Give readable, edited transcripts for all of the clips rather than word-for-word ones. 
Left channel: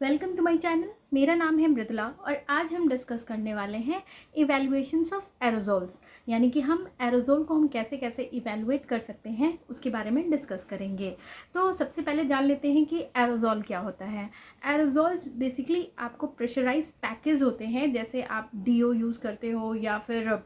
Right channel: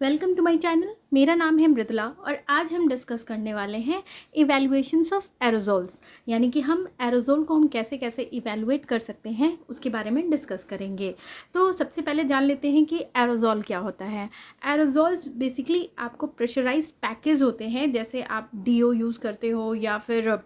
Welcome to my channel. मेरा नाम है मृदुला और आज हम डिस्कस करने वाले हैं इवैल्यूएशंस ऑफ एरोजोल्स, यानी कि हम एरोजोल को हम कैसे कैसे इवैल्यूएट कर सकते हैं उसके बारे में डिस्कस करेंगे। तो सबसे पहले जान लेते हैं कि एरोजोल क्या होता है। एरोजोल्स बेसिकली आपको प्रेशराइज्ड पैकेज होते हैं, जैसे आप डीओ यूज़ करते हो या फिर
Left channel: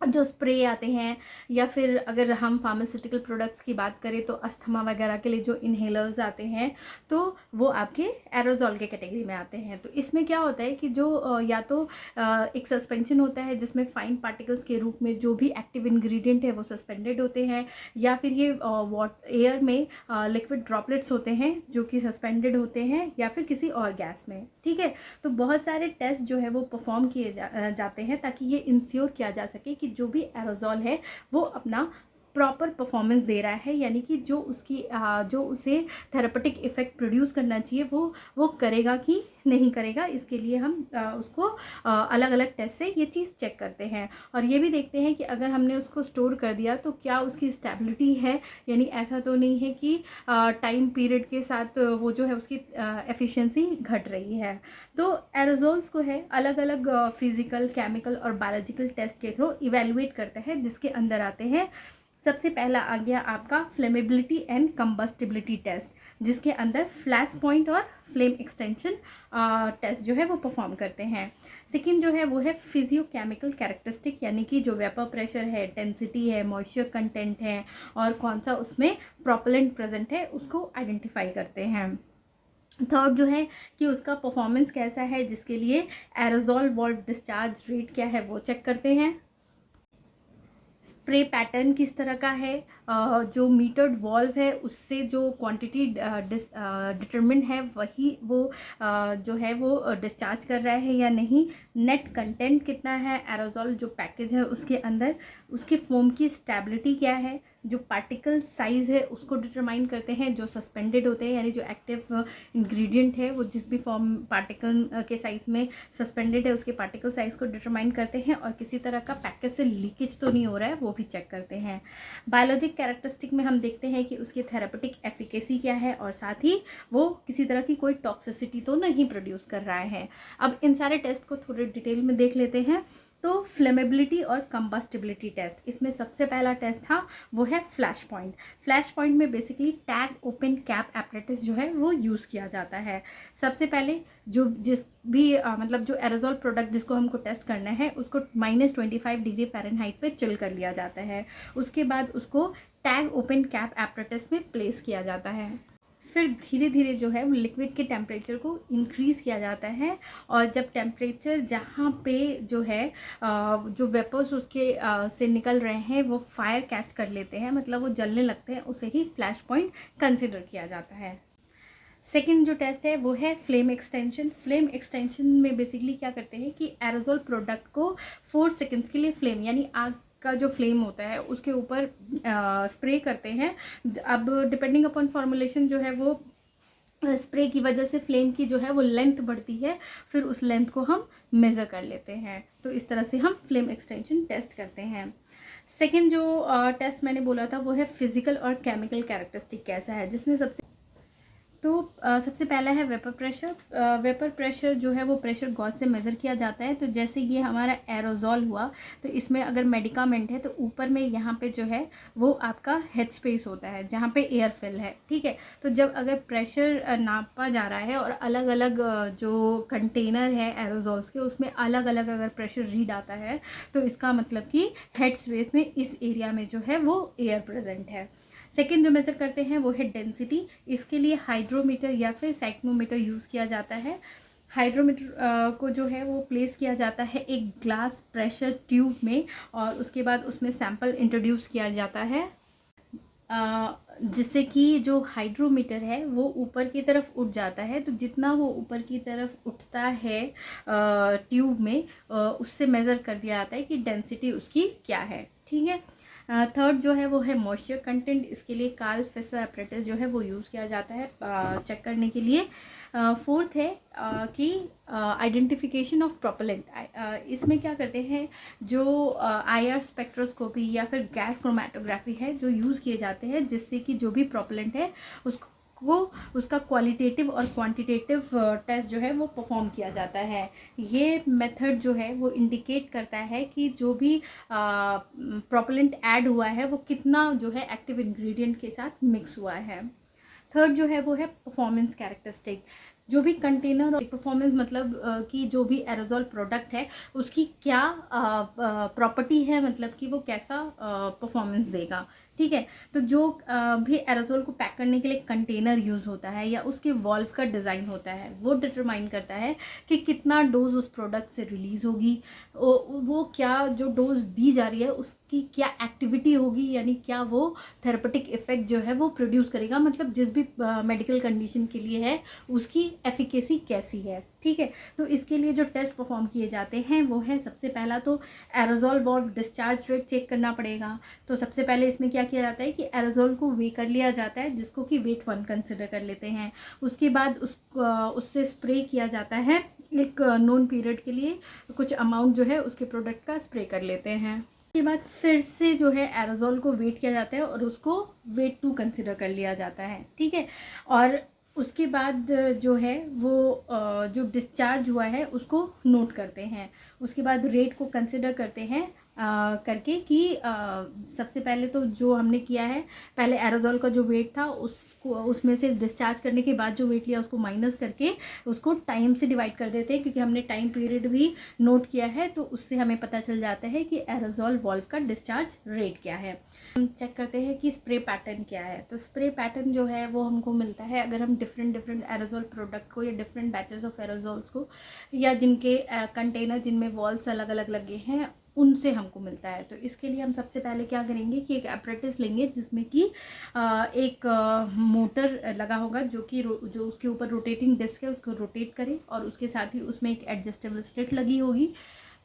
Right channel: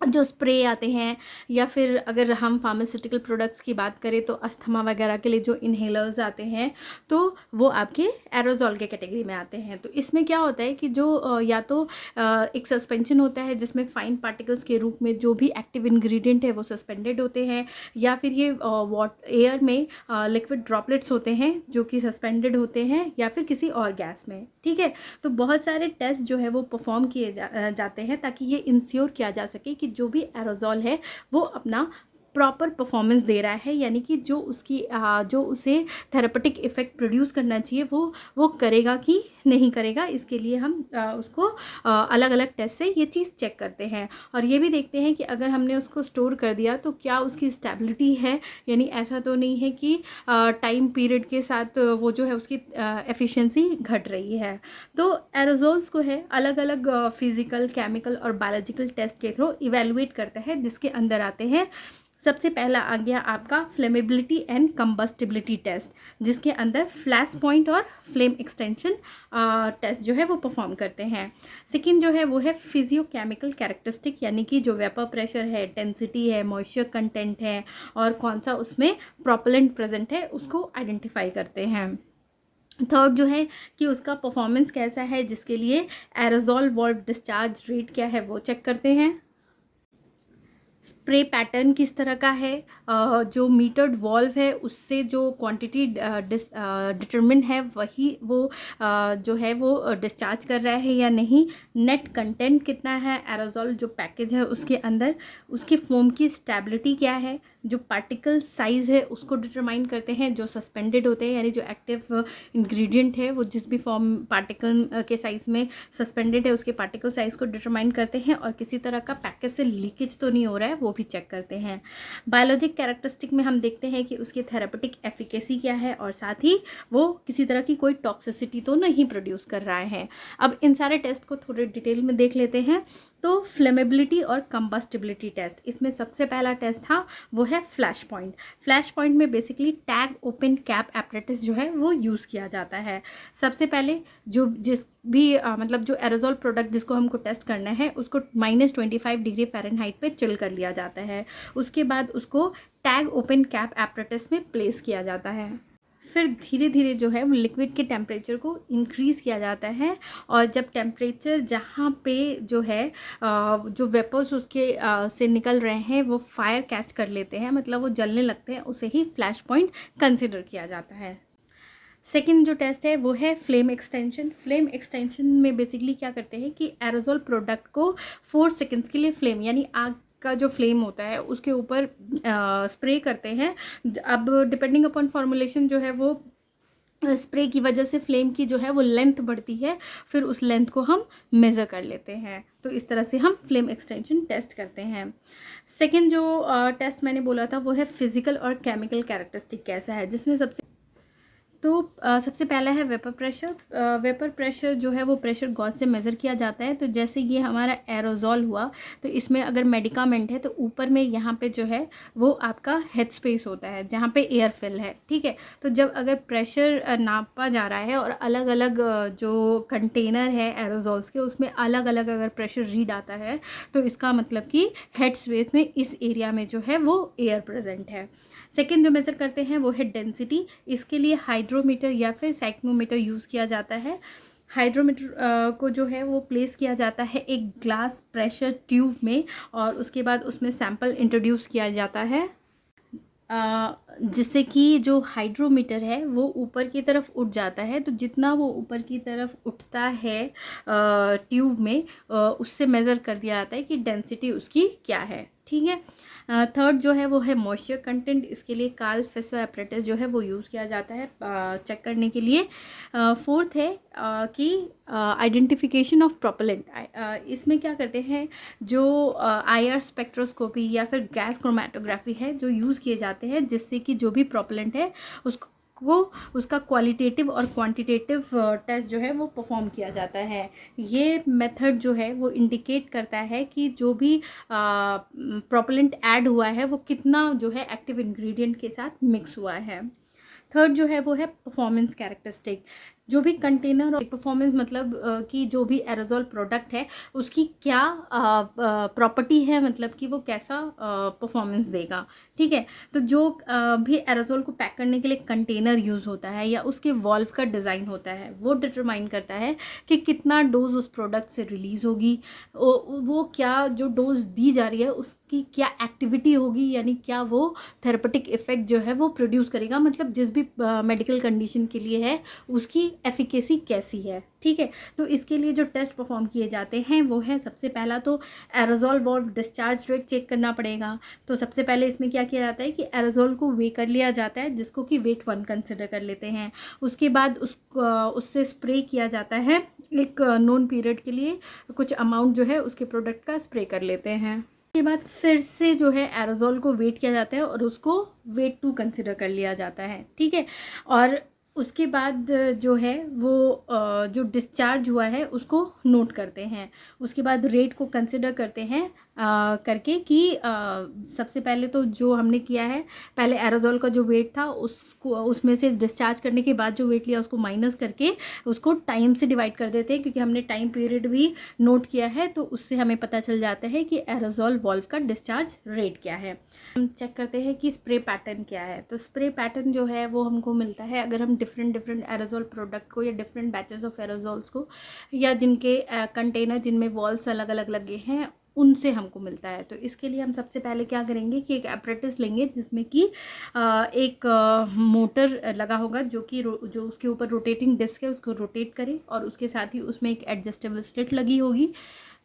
जो स्प्रे आते हैं, या फिर अगर हम फार्मास्यूटिकल प्रोडक्ट्स की बात करें तो अस्थमा वगैरह के लिए जो इन्हेलर्स आते हैं तो वो आपके एरोजोल के कैटेगरी में आते हैं। तो इसमें क्या होता है कि जो या तो एक सस्पेंशन होता है जिसमें फाइन पार्टिकल्स के रूप में जो भी एक्टिव इंग्रेडिएंट है वो सस्पेंडेड होते हैं, या फिर ये एयर में लिक्विड ड्रॉपलेट्स होते हैं जो कि सस्पेंडेड होते हैं, या फिर किसी और गैस में। ठीक है, तो बहुत सारे टेस्ट जो है वो परफॉर्म किए जाते हैं ताकि ये इंश्योर किया जा सके कि जो भी एरोजोल है वो अपना प्रॉपर परफॉर्मेंस दे रहा है, यानी कि जो उसकी जो उसे थेरेपेटिक इफ़ेक्ट प्रोड्यूस करना चाहिए वो करेगा कि नहीं करेगा। इसके लिए हम उसको अलग अलग टेस्ट से ये चीज़ चेक करते हैं और ये भी देखते हैं कि अगर हमने उसको स्टोर कर दिया तो क्या उसकी स्टेबिलिटी है, यानी ऐसा तो नहीं है कि टाइम पीरियड के साथ वो जो है उसकी एफिशिएंसी घट रही है। तो एरोजोल्स को है अलग अलग फिजिकल, केमिकल और बायोलॉजिकल टेस्ट के थ्रू इवेलुएट करता है, जिसके अंदर आते हैं सबसे पहला आ गया आपका फ्लेमेबिलिटी एंड कंबस्टिबिलिटी टेस्ट, जिसके अंदर फ्लैश पॉइंट और फ्लेम एक्सटेंशन टेस्ट जो है वो परफॉर्म करते हैं। सेकेंड जो है वो है फिजियोकेमिकल कैरेक्टरिस्टिक, यानी कि जो वेपर प्रेशर है, डेंसिटी है, मॉइस्चर कंटेंट है और कौन सा उसमें प्रोपेलेंट प्रेजेंट है उसको आइडेंटिफाई करते हैं। थर्ड जो है कि उसका परफॉर्मेंस कैसा है, जिसके लिए एरोजोल वॉल्व डिस्चार्ज रेट क्या है वो चेक करते हैं। स्प्रे पैटर्न किस तरह का है, जो मीटर्ड वॉल्व है उससे जो क्वांटिटी डिटरमिन है वही वो जो है वो डिस्चार्ज कर रहा है या नहीं। नेट कंटेंट कितना है एरोजोल जो पैकेज है उसके अंदर, उसके फोम की स्टेबिलिटी क्या है, जो पार्टिकल साइज़ है उसको डिटरमाइन करते हैं। जो सस्पेंडेड होते हैं यानी जो एक्टिव इंग्रेडिएंट है वो जिस भी फॉर्म पार्टिकल के साइज़ में सस्पेंडेड है उसके पार्टिकल साइज़ को डिटरमाइन करते हैं, और किसी तरह का पैकेज से लीकेज तो नहीं हो रहा है वो भी चेक करते हैं। बायोलॉजिक कैरेक्टरिस्टिक में हम देखते हैं कि उसकी थेरेपेटिक एफिकेसी क्या है और साथ ही वो किसी तरह की कोई टॉक्सिसिटी तो नहीं प्रोड्यूस कर रहा है। अब इन सारे टेस्ट को थोड़े डिटेल में देख लेते हैं। तो फ्लेमेबिलिटी और कंबस्टिबिलिटी टेस्ट, इसमें सबसे पहला टेस्ट था वो है फ्लैश पॉइंट। फ्लैश पॉइंट में basically tag open cap apparatus जो है वो यूज़ किया जाता है। सबसे पहले जिस भी मतलब जो एरोजोल प्रोडक्ट जिसको हमको टेस्ट करना है उसको -25 डिग्री फ़ारेनहाइट पे चिल कर लिया जाता है। उसके बाद उसको टैग ओपन कैप एपरेटिस में प्लेस किया जाता है। फिर धीरे धीरे जो है वो लिक्विड के टेम्परेचर को इंक्रीज़ किया जाता है, और जब टेम्परेचर जहाँ पे जो है जो वेपर्स उसके से निकल रहे हैं वो फायर कैच कर लेते हैं, मतलब वो जलने लगते हैं, उसे ही फ्लैश पॉइंट कंसिडर किया जाता है। सेकेंड जो टेस्ट है वो है फ्लेम एक्सटेंशन। फ्लेम एक्सटेंशन में बेसिकली क्या करते हैं कि एरोजोल प्रोडक्ट को 4 सेकेंड्स के लिए फ्लेम यानी आग का जो फ्लेम होता है उसके ऊपर स्प्रे करते हैं। अब डिपेंडिंग अपॉन फॉर्मुलेशन जो है वो स्प्रे की वजह से फ्लेम की जो है वो लेंथ बढ़ती है, फिर उस लेंथ को हम मेज़र कर लेते हैं। तो इस तरह से हम फ्लेम एक्सटेंशन टेस्ट करते हैं। सेकेंड जो टेस्ट मैंने बोला था वो है फिजिकल और केमिकल कैरेक्टरिस्टिक कैसा है, जिसमें सबसे पहला है वेपर प्रेशर। वेपर प्रेशर जो है वो प्रेशर गॉज से मेज़र किया जाता है। तो जैसे ये हमारा एरोजोल हुआ तो इसमें अगर मेडिकामेंट है तो ऊपर में यहाँ पे जो है वो आपका हेड स्पेस होता है जहाँ पे एयर फिल है। ठीक है, तो जब अगर प्रेशर नापा जा रहा है और अलग अलग जो कंटेनर है एरोजोल्स के उसमें अलग अलग अगर प्रेशर रीड आता है तो इसका मतलब कि हेड स्पेस में इस एरिया में जो है वो एयर प्रेजेंट है। सेकेंड जो मेज़र करते हैं वो है डेंसिटी। इसके लिए हाइड्रोमीटर या फिर साइक्नोमीटर यूज़ किया जाता है। हाइड्रोमीटर को जो है वो प्लेस किया जाता है एक ग्लास प्रेशर ट्यूब में, और उसके बाद उसमें सैंपल इंट्रोड्यूस किया जाता है जिससे कि जो हाइड्रोमीटर है वो ऊपर की तरफ उठ जाता है। तो जितना वो ऊपर की तरफ उठता है ट्यूब में उससे मेज़र कर दिया जाता है कि डेंसिटी उसकी क्या है। ठीक है, थर्ड जो है वो है मॉइस्चर कंटेंट। इसके लिए कार्ल फेसर एपरेटिस जो है वो यूज़ किया जाता है चेक करने के लिए। फोर्थ है कि आइडेंटिफिकेशन ऑफ प्रोपेलेंट। इसमें क्या करते हैं जो IR स्पेक्ट्रोस्कोपी या फिर गैस क्रोमेटोग्राफी है जो यूज़ किए जाते हैं, जिससे कि जो भी प्रोपेलेंट है उसको को उसका क्वालिटेटिव और क्वांटिटेटिव टेस्ट जो है वो परफॉर्म किया जाता है। ये मेथड जो है वो इंडिकेट करता है कि जो भी प्रोपेलेंट ऐड हुआ है वो कितना जो है एक्टिव इंग्रेडिएंट के साथ मिक्स हुआ है। थर्ड जो है वो है परफॉर्मेंस कैरेक्टरिस्टिक। जो भी कंटेनर और परफॉर्मेंस मतलब कि जो भी एरोजोल प्रोडक्ट है उसकी क्या प्रॉपर्टी है, मतलब कि वो कैसा परफॉर्मेंस देगा। ठीक है, तो जो भी एरोजोल को पैक करने के लिए कंटेनर यूज़ होता है या उसके वॉल्व का डिज़ाइन होता है वो डिटरमाइन करता है कि कितना डोज उस प्रोडक्ट से रिलीज़ होगी, वो क्या जो डोज दी जा रही है उसकी क्या एक्टिविटी होगी, यानी क्या वो थेरेपेटिक इफेक्ट जो है वो प्रोड्यूस करेगा, मतलब जिस भी मेडिकल कंडीशन के लिए है उसकी एफिकेसी कैसी है। ठीक है, तो इसके लिए जो टेस्ट परफॉर्म किए जाते हैं वो है, सबसे पहला तो aerosol valve discharge rate check करना पड़ेगा। तो सबसे पहले इसमें क्या किया जाता है कि एरोजोल को वे कर लिया जाता है, जिसको कि वेट 1 कंसिडर कर लेते हैं। उसके बाद उससे स्प्रे किया जाता है एक नोन पीरियड के लिए, कुछ अमाउंट जो है उसके प्रोडक्ट का स्प्रे कर लेते हैं। उसके बाद फिर से जो है एरोजोल को वेट किया जाता है और उसको वेट 2 कंसिडर कर लिया जाता है। ठीक है, और उसके बाद जो है वो जो डिस्चार्ज हुआ है उसको नोट करते हैं। उसके बाद रेट को कंसिडर करते हैं करके कि सबसे पहले तो जो हमने किया है, पहले एरोजोल का जो वेट था उसको उसमें से डिस्चार्ज करने के बाद जो वेट लिया उसको माइनस करके उसको टाइम से डिवाइड कर देते हैं, क्योंकि हमने टाइम पीरियड भी नोट किया है, तो उससे हमें पता चल जाता है कि एरोजोल वॉल्व का डिस्चार्ज रेट क्या है। हम चेक करते हैं कि स्प्रे पैटर्न क्या है। तो स्प्रे पैटर्न जो है वो हमको मिलता है अगर हम डिफरेंट एरोजोल प्रोडक्ट को या डिफरेंट बैचेस ऑफ एरोजोल्स को या जिनके कंटेनर जिनमें वॉल्स अलग अलग लगे हैं उनसे हमको मिलता है। तो इसके लिए हम सबसे पहले क्या करेंगे कि एक एपरेटिस लेंगे जिसमें कि एक मोटर लगा होगा जो कि जो उसके ऊपर रोटेटिंग डिस्क है उसको रोटेट करे, और उसके साथ ही उसमें एक एडजस्टेबल स्लिट लगी होगी।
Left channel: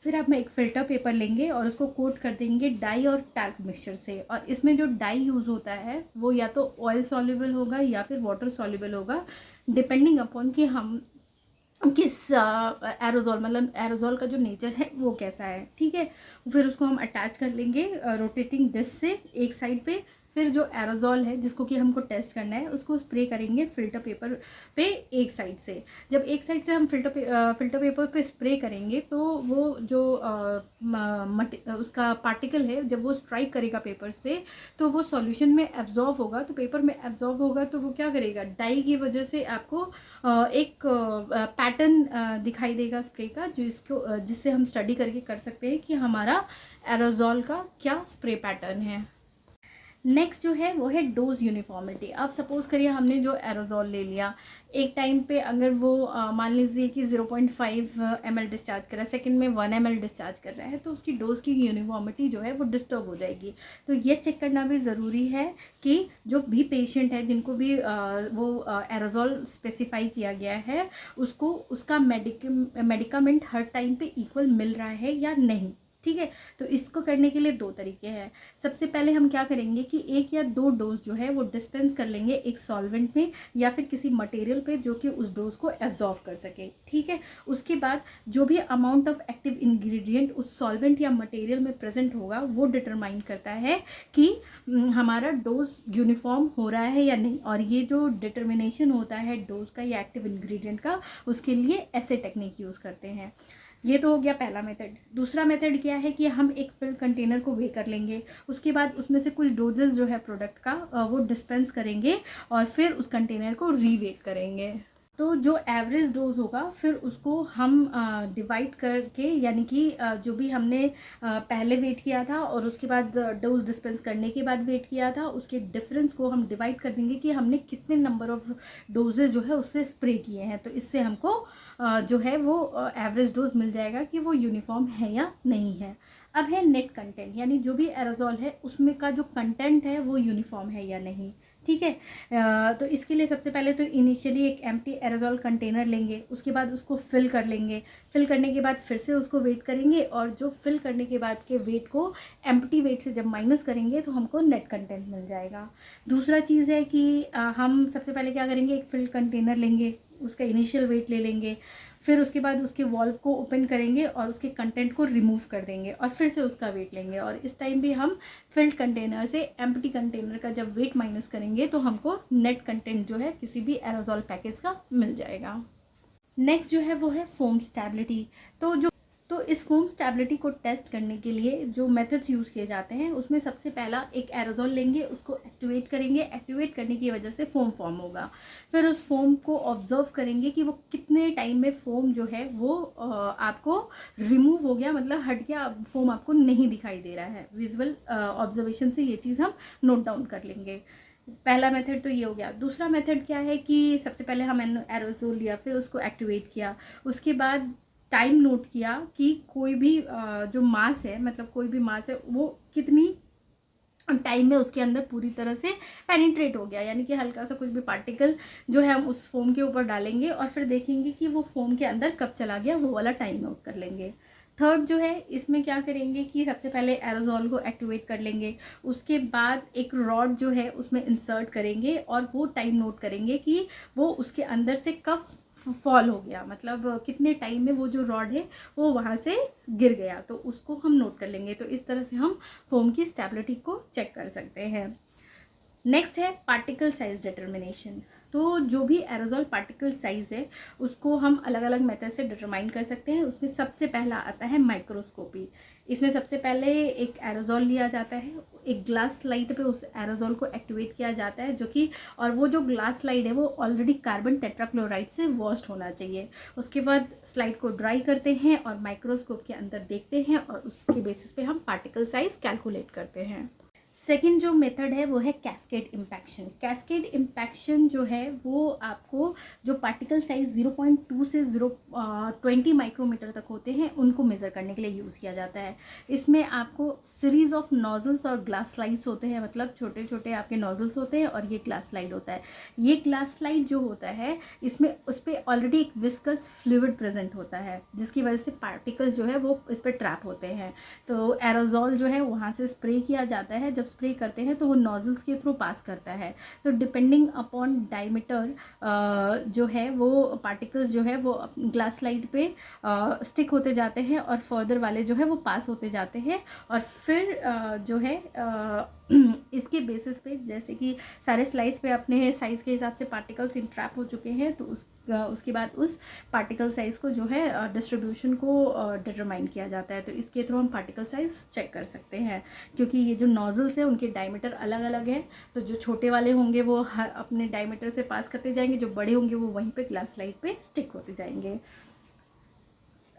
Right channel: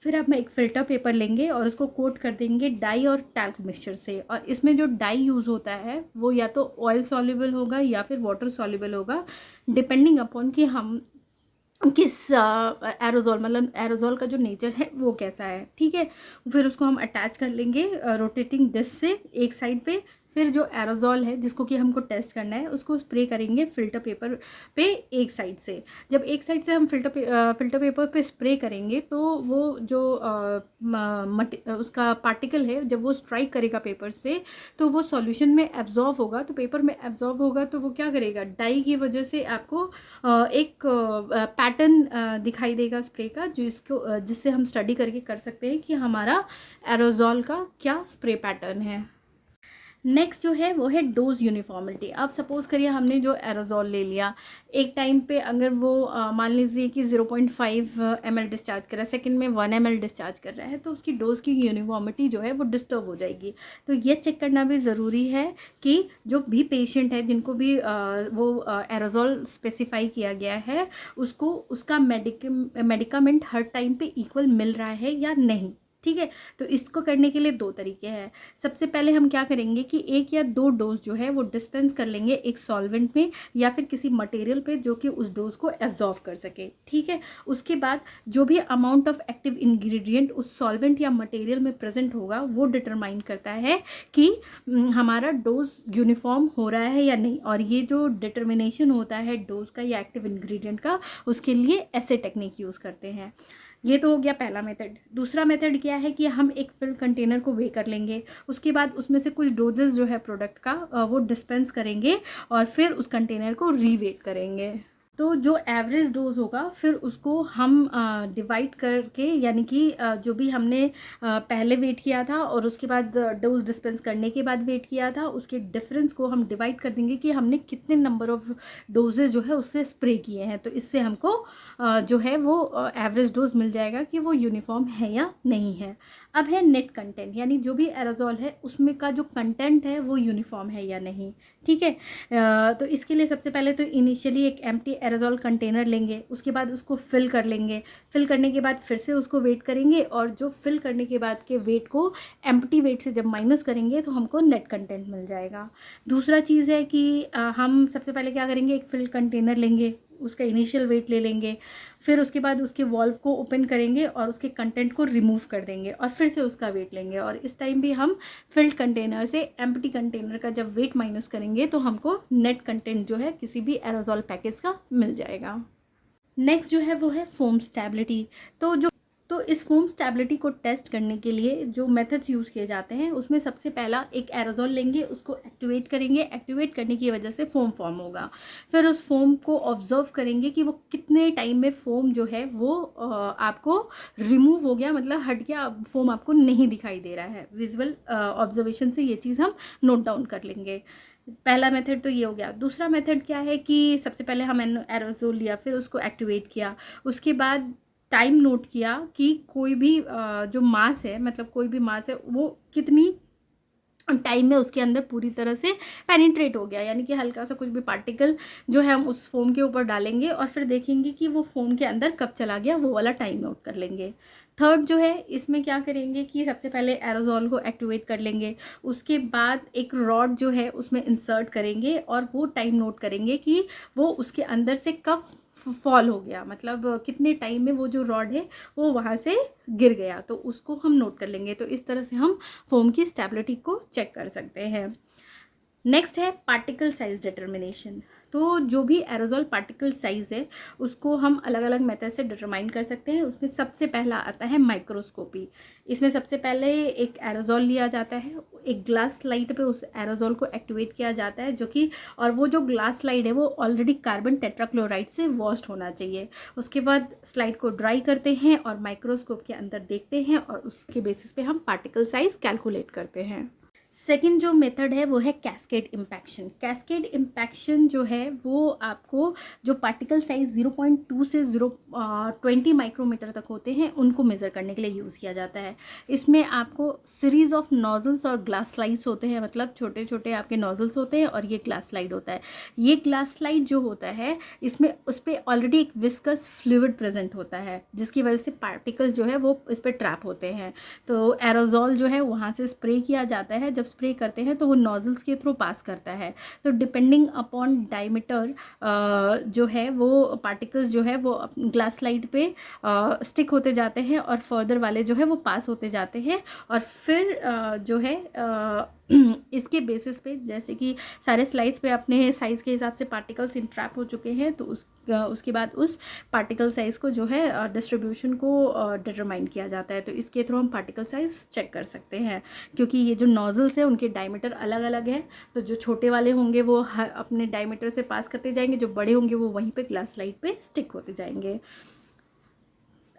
फिर आप एक फ़िल्टर पेपर लेंगे और उसको कोट कर देंगे डाई और टैल्क मिक्सचर से। और इसमें जो डाई यूज़ होता है वो या तो ऑयल सॉल्युबल होगा या फिर वाटर सॉल्युबल होगा, डिपेंडिंग अपॉन कि हम किस एरोजोल मतलब एरोजोल का जो नेचर है वो कैसा है। ठीक है, फिर उसको हम अटैच कर लेंगे रोटेटिंग डिस्क से एक साइड पे। फिर जो एरोजोल है जिसको कि हमको टेस्ट करना है उसको स्प्रे करेंगे फ़िल्टर पेपर पे एक साइड से। जब एक साइड से हम फ़िल्टर पेपर पे स्प्रे करेंगे तो वो जो उसका पार्टिकल है जब वो स्ट्राइक करेगा पेपर से तो वो सॉल्यूशन में एब्जॉर्व होगा, तो पेपर में एब्जॉर्व होगा तो वो क्या करेगा, डाई की वजह से आपको एक पैटर्न दिखाई देगा स्प्रे का, जिससे हम स्टडी करके कर सकते हैं कि हमारा एरोजोल का क्या स्प्रे पैटर्न है। नेक्स्ट जो है वो है डोज यूनिफॉर्मिटी। अब सपोज़ करिए हमने जो एरोजोल ले लिया, एक टाइम पे अगर वो मान लीजिए कि 0.5 ml डिस्चार्ज कर रहा है, सेकंड में 1 ml डिस्चार्ज कर रहा है, तो उसकी डोज की यूनिफॉर्मिटी जो है वो डिस्टर्ब हो जाएगी। तो ये चेक करना भी ज़रूरी है कि जो भी पेशेंट है जिनको भी वो एरोजोल स्पेसिफाई किया गया है उसको उसका मेडिकामेंट हर टाइम पे इक्वल मिल रहा है या नहीं। ठीक है, तो इसको करने के लिए 2 तरीके हैं। सबसे पहले हम क्या करेंगे कि 1 या 2 डोज जो है वो डिस्पेंस कर लेंगे एक सॉल्वेंट में या फिर किसी मटेरियल पे जो कि उस डोज को एब्जॉर्व कर सके। ठीक है, उसके बाद जो भी अमाउंट ऑफ एक्टिव इंग्रेडिएंट उस सॉल्वेंट या मटेरियल में प्रेजेंट होगा वो डिटरमाइन करता है कि हमारा डोज यूनिफॉर्म हो रहा है या नहीं। और ये जो डिटर्मिनेशन होता है डोज का या एक्टिव इंग्रेडिएंट का, उसके लिए ऐसे टेक्निक यूज़ करते हैं। ये तो हो गया पहला मेथड। दूसरा मेथड क्या है कि हम एक फिल कंटेनर को वे कर लेंगे, उसके बाद उसमें से कुछ डोजेस जो है प्रोडक्ट का वो डिस्पेंस करेंगे और फिर उस कंटेनर को रीवेट करेंगे। तो जो एवरेज डोज होगा फिर उसको हम डिवाइड करके, यानी कि जो भी हमने पहले वेट किया था और उसके बाद डोज डिस्पेंस करने के बाद वेट किया था उसके डिफरेंस को हम डिवाइड कर देंगे कि हमने कितने नंबर ऑफ डोजेज जो है उससे स्प्रे किए हैं। तो इससे हमको जो है वो एवरेज डोज मिल जाएगा कि वो यूनिफॉर्म है या नहीं है। अब है नेट कंटेंट, यानी जो भी एरोजोल है उसमें का जो कंटेंट है वो यूनिफॉर्म है या नहीं। ठीक है, तो इसके लिए सबसे पहले तो इनिशियली एक एम्प्टी एरोजोल कंटेनर लेंगे, उसके बाद उसको फिल कर लेंगे। फिल करने के बाद फिर से उसको वेट करेंगे और जो फिल करने के बाद के वेट को एम्प्टी वेट से जब माइनस करेंगे तो हमको नेट कंटेंट मिल जाएगा। दूसरा चीज़ है कि हम सबसे पहले क्या करेंगे, एक फिल कंटेनर लेंगे, उसका इनिशियल वेट ले लेंगे, फिर उसके बाद उसके वॉल्व को ओपन करेंगे और उसके कंटेंट को रिमूव कर देंगे और फिर से उसका वेट लेंगे। और इस टाइम भी हम फिल्ड कंटेनर से एम्प्टी कंटेनर का जब वेट माइनस करेंगे तो हमको नेट कंटेंट जो है किसी भी एरोजॉल पैकेज का मिल जाएगा। नेक्स्ट जो है वो है फोम स्टेबिलिटी। तो इस फोम स्टेबिलिटी को टेस्ट करने के लिए जो मेथड्स यूज़ किए जाते हैं उसमें सबसे पहला एक एरोजॉल लेंगे, उसको एक्टिवेट करेंगे। एक्टिवेट करने की वजह से फोम फॉर्म होगा। फिर उस फोम को ऑब्जर्व करेंगे कि वो कितने टाइम में फोम जो है वो आपको रिमूव हो गया, मतलब हट गया, फोम आपको नहीं दिखाई दे रहा है। विजुअल ऑब्जर्वेशन से ये चीज़ हम नोट डाउन कर लेंगे। पहला मेथड तो ये हो गया। दूसरा मेथड क्या है कि सबसे पहले हम एरोजोल लिया, फिर उसको एक्टिवेट किया, उसके बाद टाइम नोट किया कि कोई भी जो मास है, मतलब कोई भी मास है वो कितनी टाइम में उसके अंदर पूरी तरह से पेनिट्रेट हो गया, यानी कि हल्का सा कुछ भी पार्टिकल जो है हम उस फोम के ऊपर डालेंगे और फिर देखेंगे कि वो फोम के अंदर कब चला गया, वो वाला टाइम नोट कर लेंगे। थर्ड जो है इसमें क्या करेंगे कि सबसे पहले एरोजॉल को एक्टिवेट कर लेंगे, उसके बाद एक रॉड जो है उसमें इंसर्ट करेंगे और वो टाइम नोट करेंगे कि वो उसके अंदर से कब फॉल हो गया, मतलब कितने टाइम में वो जो रॉड है वो वहाँ से गिर गया, तो उसको हम नोट कर लेंगे। तो इस तरह से हम फोम की स्टेबिलिटी को चेक कर सकते हैं। नेक्स्ट है पार्टिकल साइज डिटर्मिनेशन। तो जो भी एरोजॉल पार्टिकल साइज़ है उसको हम अलग अलग मेथड से डिटरमाइन कर सकते हैं। उसमें सबसे पहला आता है माइक्रोस्कोपी। इसमें सबसे पहले एक एरोजॉल लिया जाता है, एक ग्लास स्लाइड पे उस एरोजॉल को एक्टिवेट किया जाता है, जो कि और वो जो ग्लास स्लाइड है वो ऑलरेडी कार्बन टेट्राक्लोराइड से वॉश्ड होना चाहिए। उसके बाद स्लाइड को ड्राई करते हैं और माइक्रोस्कोप के अंदर देखते हैं और उसके बेसिस पे हम पार्टिकल साइज कैलकुलेट करते हैं। सेकेंड जो मेथड है वो है कैस्केड इम्पैक्शन। कैस्केड इम्पैक्शन जो है वो आपको जो पार्टिकल साइज 0.2 से 0.20 माइक्रोमीटर तक होते हैं उनको मेज़र करने के लिए यूज़ किया जाता है। इसमें आपको सीरीज़ ऑफ नोजल्स और ग्लास स्लाइड्स होते हैं, मतलब छोटे छोटे आपके नोजल्स होते हैं और ये ग्लास स्लाइड होता है। ये ग्लास स्लाइड जो होता है इसमें उस पर ऑलरेडी एक विस्कस फ्लूइड प्रेजेंट होता है, जिसकी वजह से पार्टिकल जो है वो इस पर ट्रैप होते हैं। तो एरोजॉल जो है वहाँ से स्प्रे किया जाता है, जब स्प्रे करते हैं तो वो नोजल्स के थ्रू पास करता है। तो डिपेंडिंग अपॉन डायमीटर जो है वो पार्टिकल्स जो है वो ग्लास स्लाइड पे स्टिक होते जाते हैं और फर्दर वाले जो है वो पास होते जाते हैं। और फिर जो है इसके बेसिस पे, जैसे कि सारे स्लाइड्स पे अपने साइज़ के हिसाब से पार्टिकल्स इंट्रैप हो चुके हैं, तो उसके बाद उस पार्टिकल साइज़ को जो है डिस्ट्रीब्यूशन को डिटरमाइन किया जाता है। तो इसके थ्रू हम पार्टिकल साइज़ चेक कर सकते हैं, क्योंकि ये जो नोजल्स है उनके डायमीटर अलग अलग है। तो जो छोटे वाले होंगे वो अपने डायमीटर से पास करते जाएंगे, जो बड़े होंगे वो वहीं पे ग्लास स्लाइड पे स्टिक होते जाएंगे।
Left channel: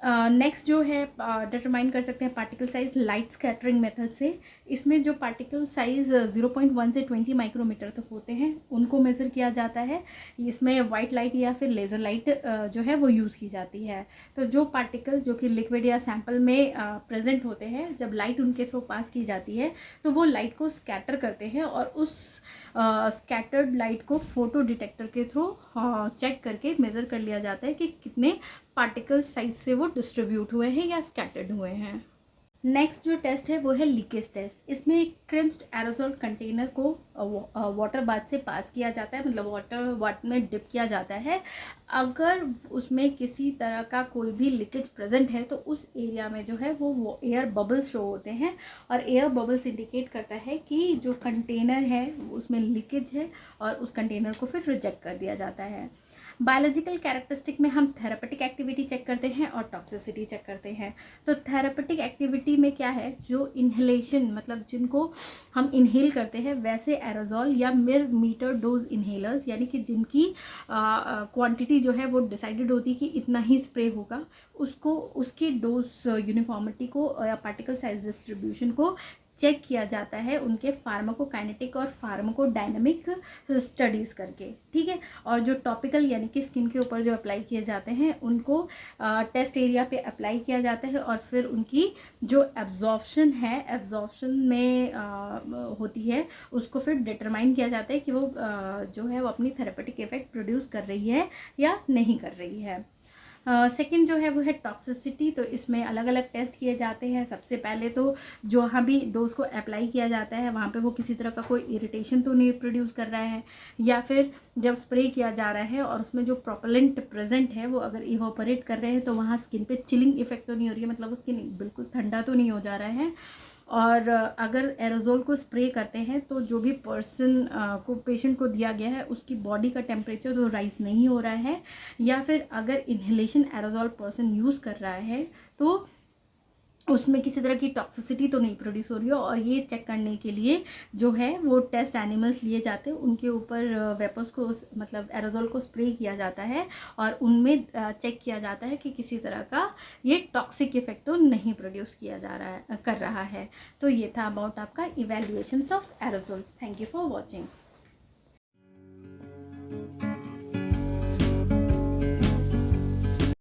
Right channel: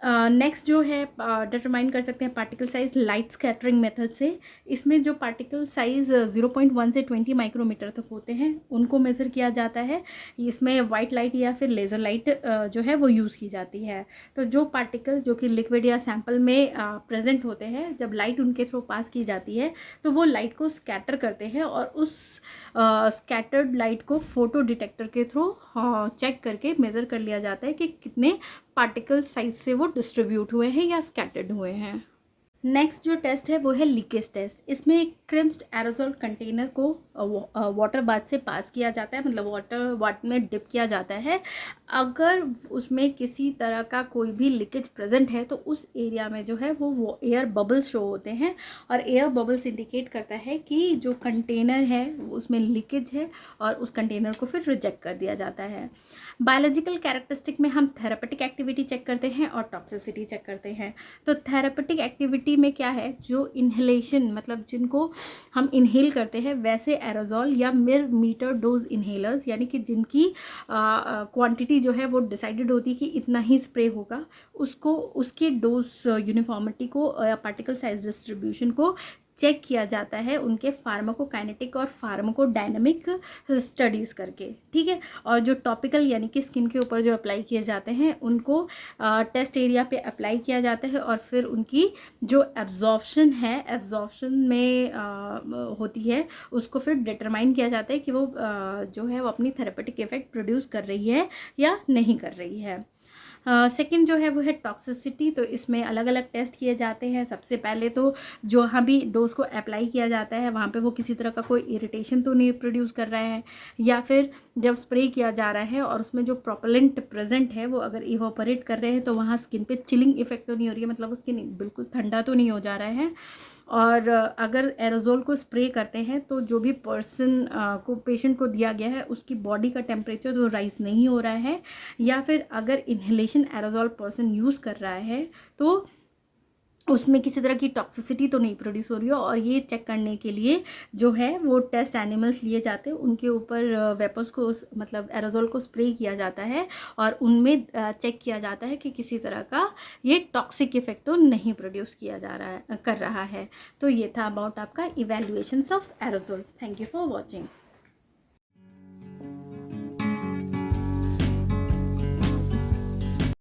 नेक्स्ट जो है डिटरमाइन कर सकते हैं particle size light scattering method से। इसमें जो पार्टिकल साइज 0.1 से 20 माइक्रोमीटर तक होते हैं उनको मेज़र किया जाता है। इसमें वाइट लाइट या फिर लेज़र लाइट जो है वो यूज़ की जाती है। तो जो पार्टिकल्स जो कि लिक्विड या सैंपल में प्रेजेंट होते हैं, जब लाइट उनके थ्रू पास की जाती है तो वो लाइट को स्कैटर करते हैं और उस स्कैटर्ड लाइट को फोटो डिटेक्टर के थ्रू चेक करके मेज़र कर लिया जाता है कि कितने पार्टिकल साइज से वो डिस्ट्रीब्यूट हुए हैं या स्कैटर्ड हुए हैं। नेक्स्ट जो टेस्ट है वो है लीकेज टेस्ट। इसमें एक क्रिम्स्ड एरोजॉल कंटेनर को वाटर बाथ से पास किया जाता है, मतलब वाटर में डिप किया जाता है। अगर उसमें किसी तरह का कोई भी लीकेज प्रेजेंट है तो उस एरिया में जो है वो एयर बबल्स शो होते हैं और एयर बबल्स इंडिकेट करता है कि जो कंटेनर है उसमें लीकेज है और उस कंटेनर को फिर रिजेक्ट कर दिया जाता है। बायोलॉजिकल कैरेक्टरिस्टिक में हम थेरेपेटिक एक्टिविटी चेक करते हैं और टॉक्सिसिटी चेक करते हैं। तो थेरेपेटिक एक्टिविटी में क्या है, जो इन्हेलेशन, मतलब जिनको हम इन्हेल करते हैं, वैसे एरोजॉल या मीटर डोज इन्हेलर्स, यानी कि जिनकी क्वांटिटी जो है वो डिसाइडेड होती है कि इतना ही स्प्रे होगा, उसको उसके डोज यूनिफॉर्मिटी को या पार्टिकल साइज डिस्ट्रीब्यूशन को चेक किया जाता है उनके फार्माकोकाइनेटिक और फार्माकोडायनामिक स्टडीज़ करके, ठीक है। और जो टॉपिकल यानी कि स्किन के ऊपर जो अप्लाई किए जाते हैं उनको टेस्ट एरिया पे अप्लाई किया जाता है और फिर उनकी जो एब्जॉर्प्शन है, एब्जॉर्प्शन में होती है, उसको फिर डिटरमाइन किया जाता है कि वो जो है वो अपनी थेरेपेटिक इफेक्ट प्रोड्यूस कर रही है या नहीं कर रही है। सेकंड जो है वो है टॉक्सिसिटी। तो इसमें अलग अलग टेस्ट किए जाते हैं। सबसे पहले तो जहाँ भी डोज को अप्लाई किया जाता है वहाँ पे वो किसी तरह का कोई इरिटेशन तो नहीं प्रोड्यूस कर रहा है, या फिर जब स्प्रे किया जा रहा है और उसमें जो प्रोपेलेंट प्रेजेंट है वो अगर इवोपरेट कर रहे हैं तो वहाँ स्किन पे चिलिंग इफेक्ट तो नहीं हो रही है, मतलब वो स्किन बिल्कुल ठंडा तो नहीं हो जा रहा है। और अगर एरोजोल को स्प्रे करते हैं तो जो भी पर्सन को पेशेंट को दिया गया है उसकी बॉडी का टेम्परेचर तो राइज नहीं हो रहा है, या फिर अगर इन्हेलेशन एरोजोल पर्सन यूज़ कर रहा है तो उसमें किसी तरह की टॉक्सिसिटी तो नहीं प्रोड्यूस हो रही हो। और ये चेक करने के लिए जो है वो टेस्ट एनिमल्स लिए जाते हैं, उनके ऊपर वेपर्स को मतलब एरोजोल को स्प्रे किया जाता है और उनमें चेक किया जाता है कि किसी तरह का ये टॉक्सिक इफेक्ट तो नहीं प्रोड्यूस किया जा रहा है कर रहा है। तो ये था अबाउट आपका evaluations of aerosols. Thank you for watching.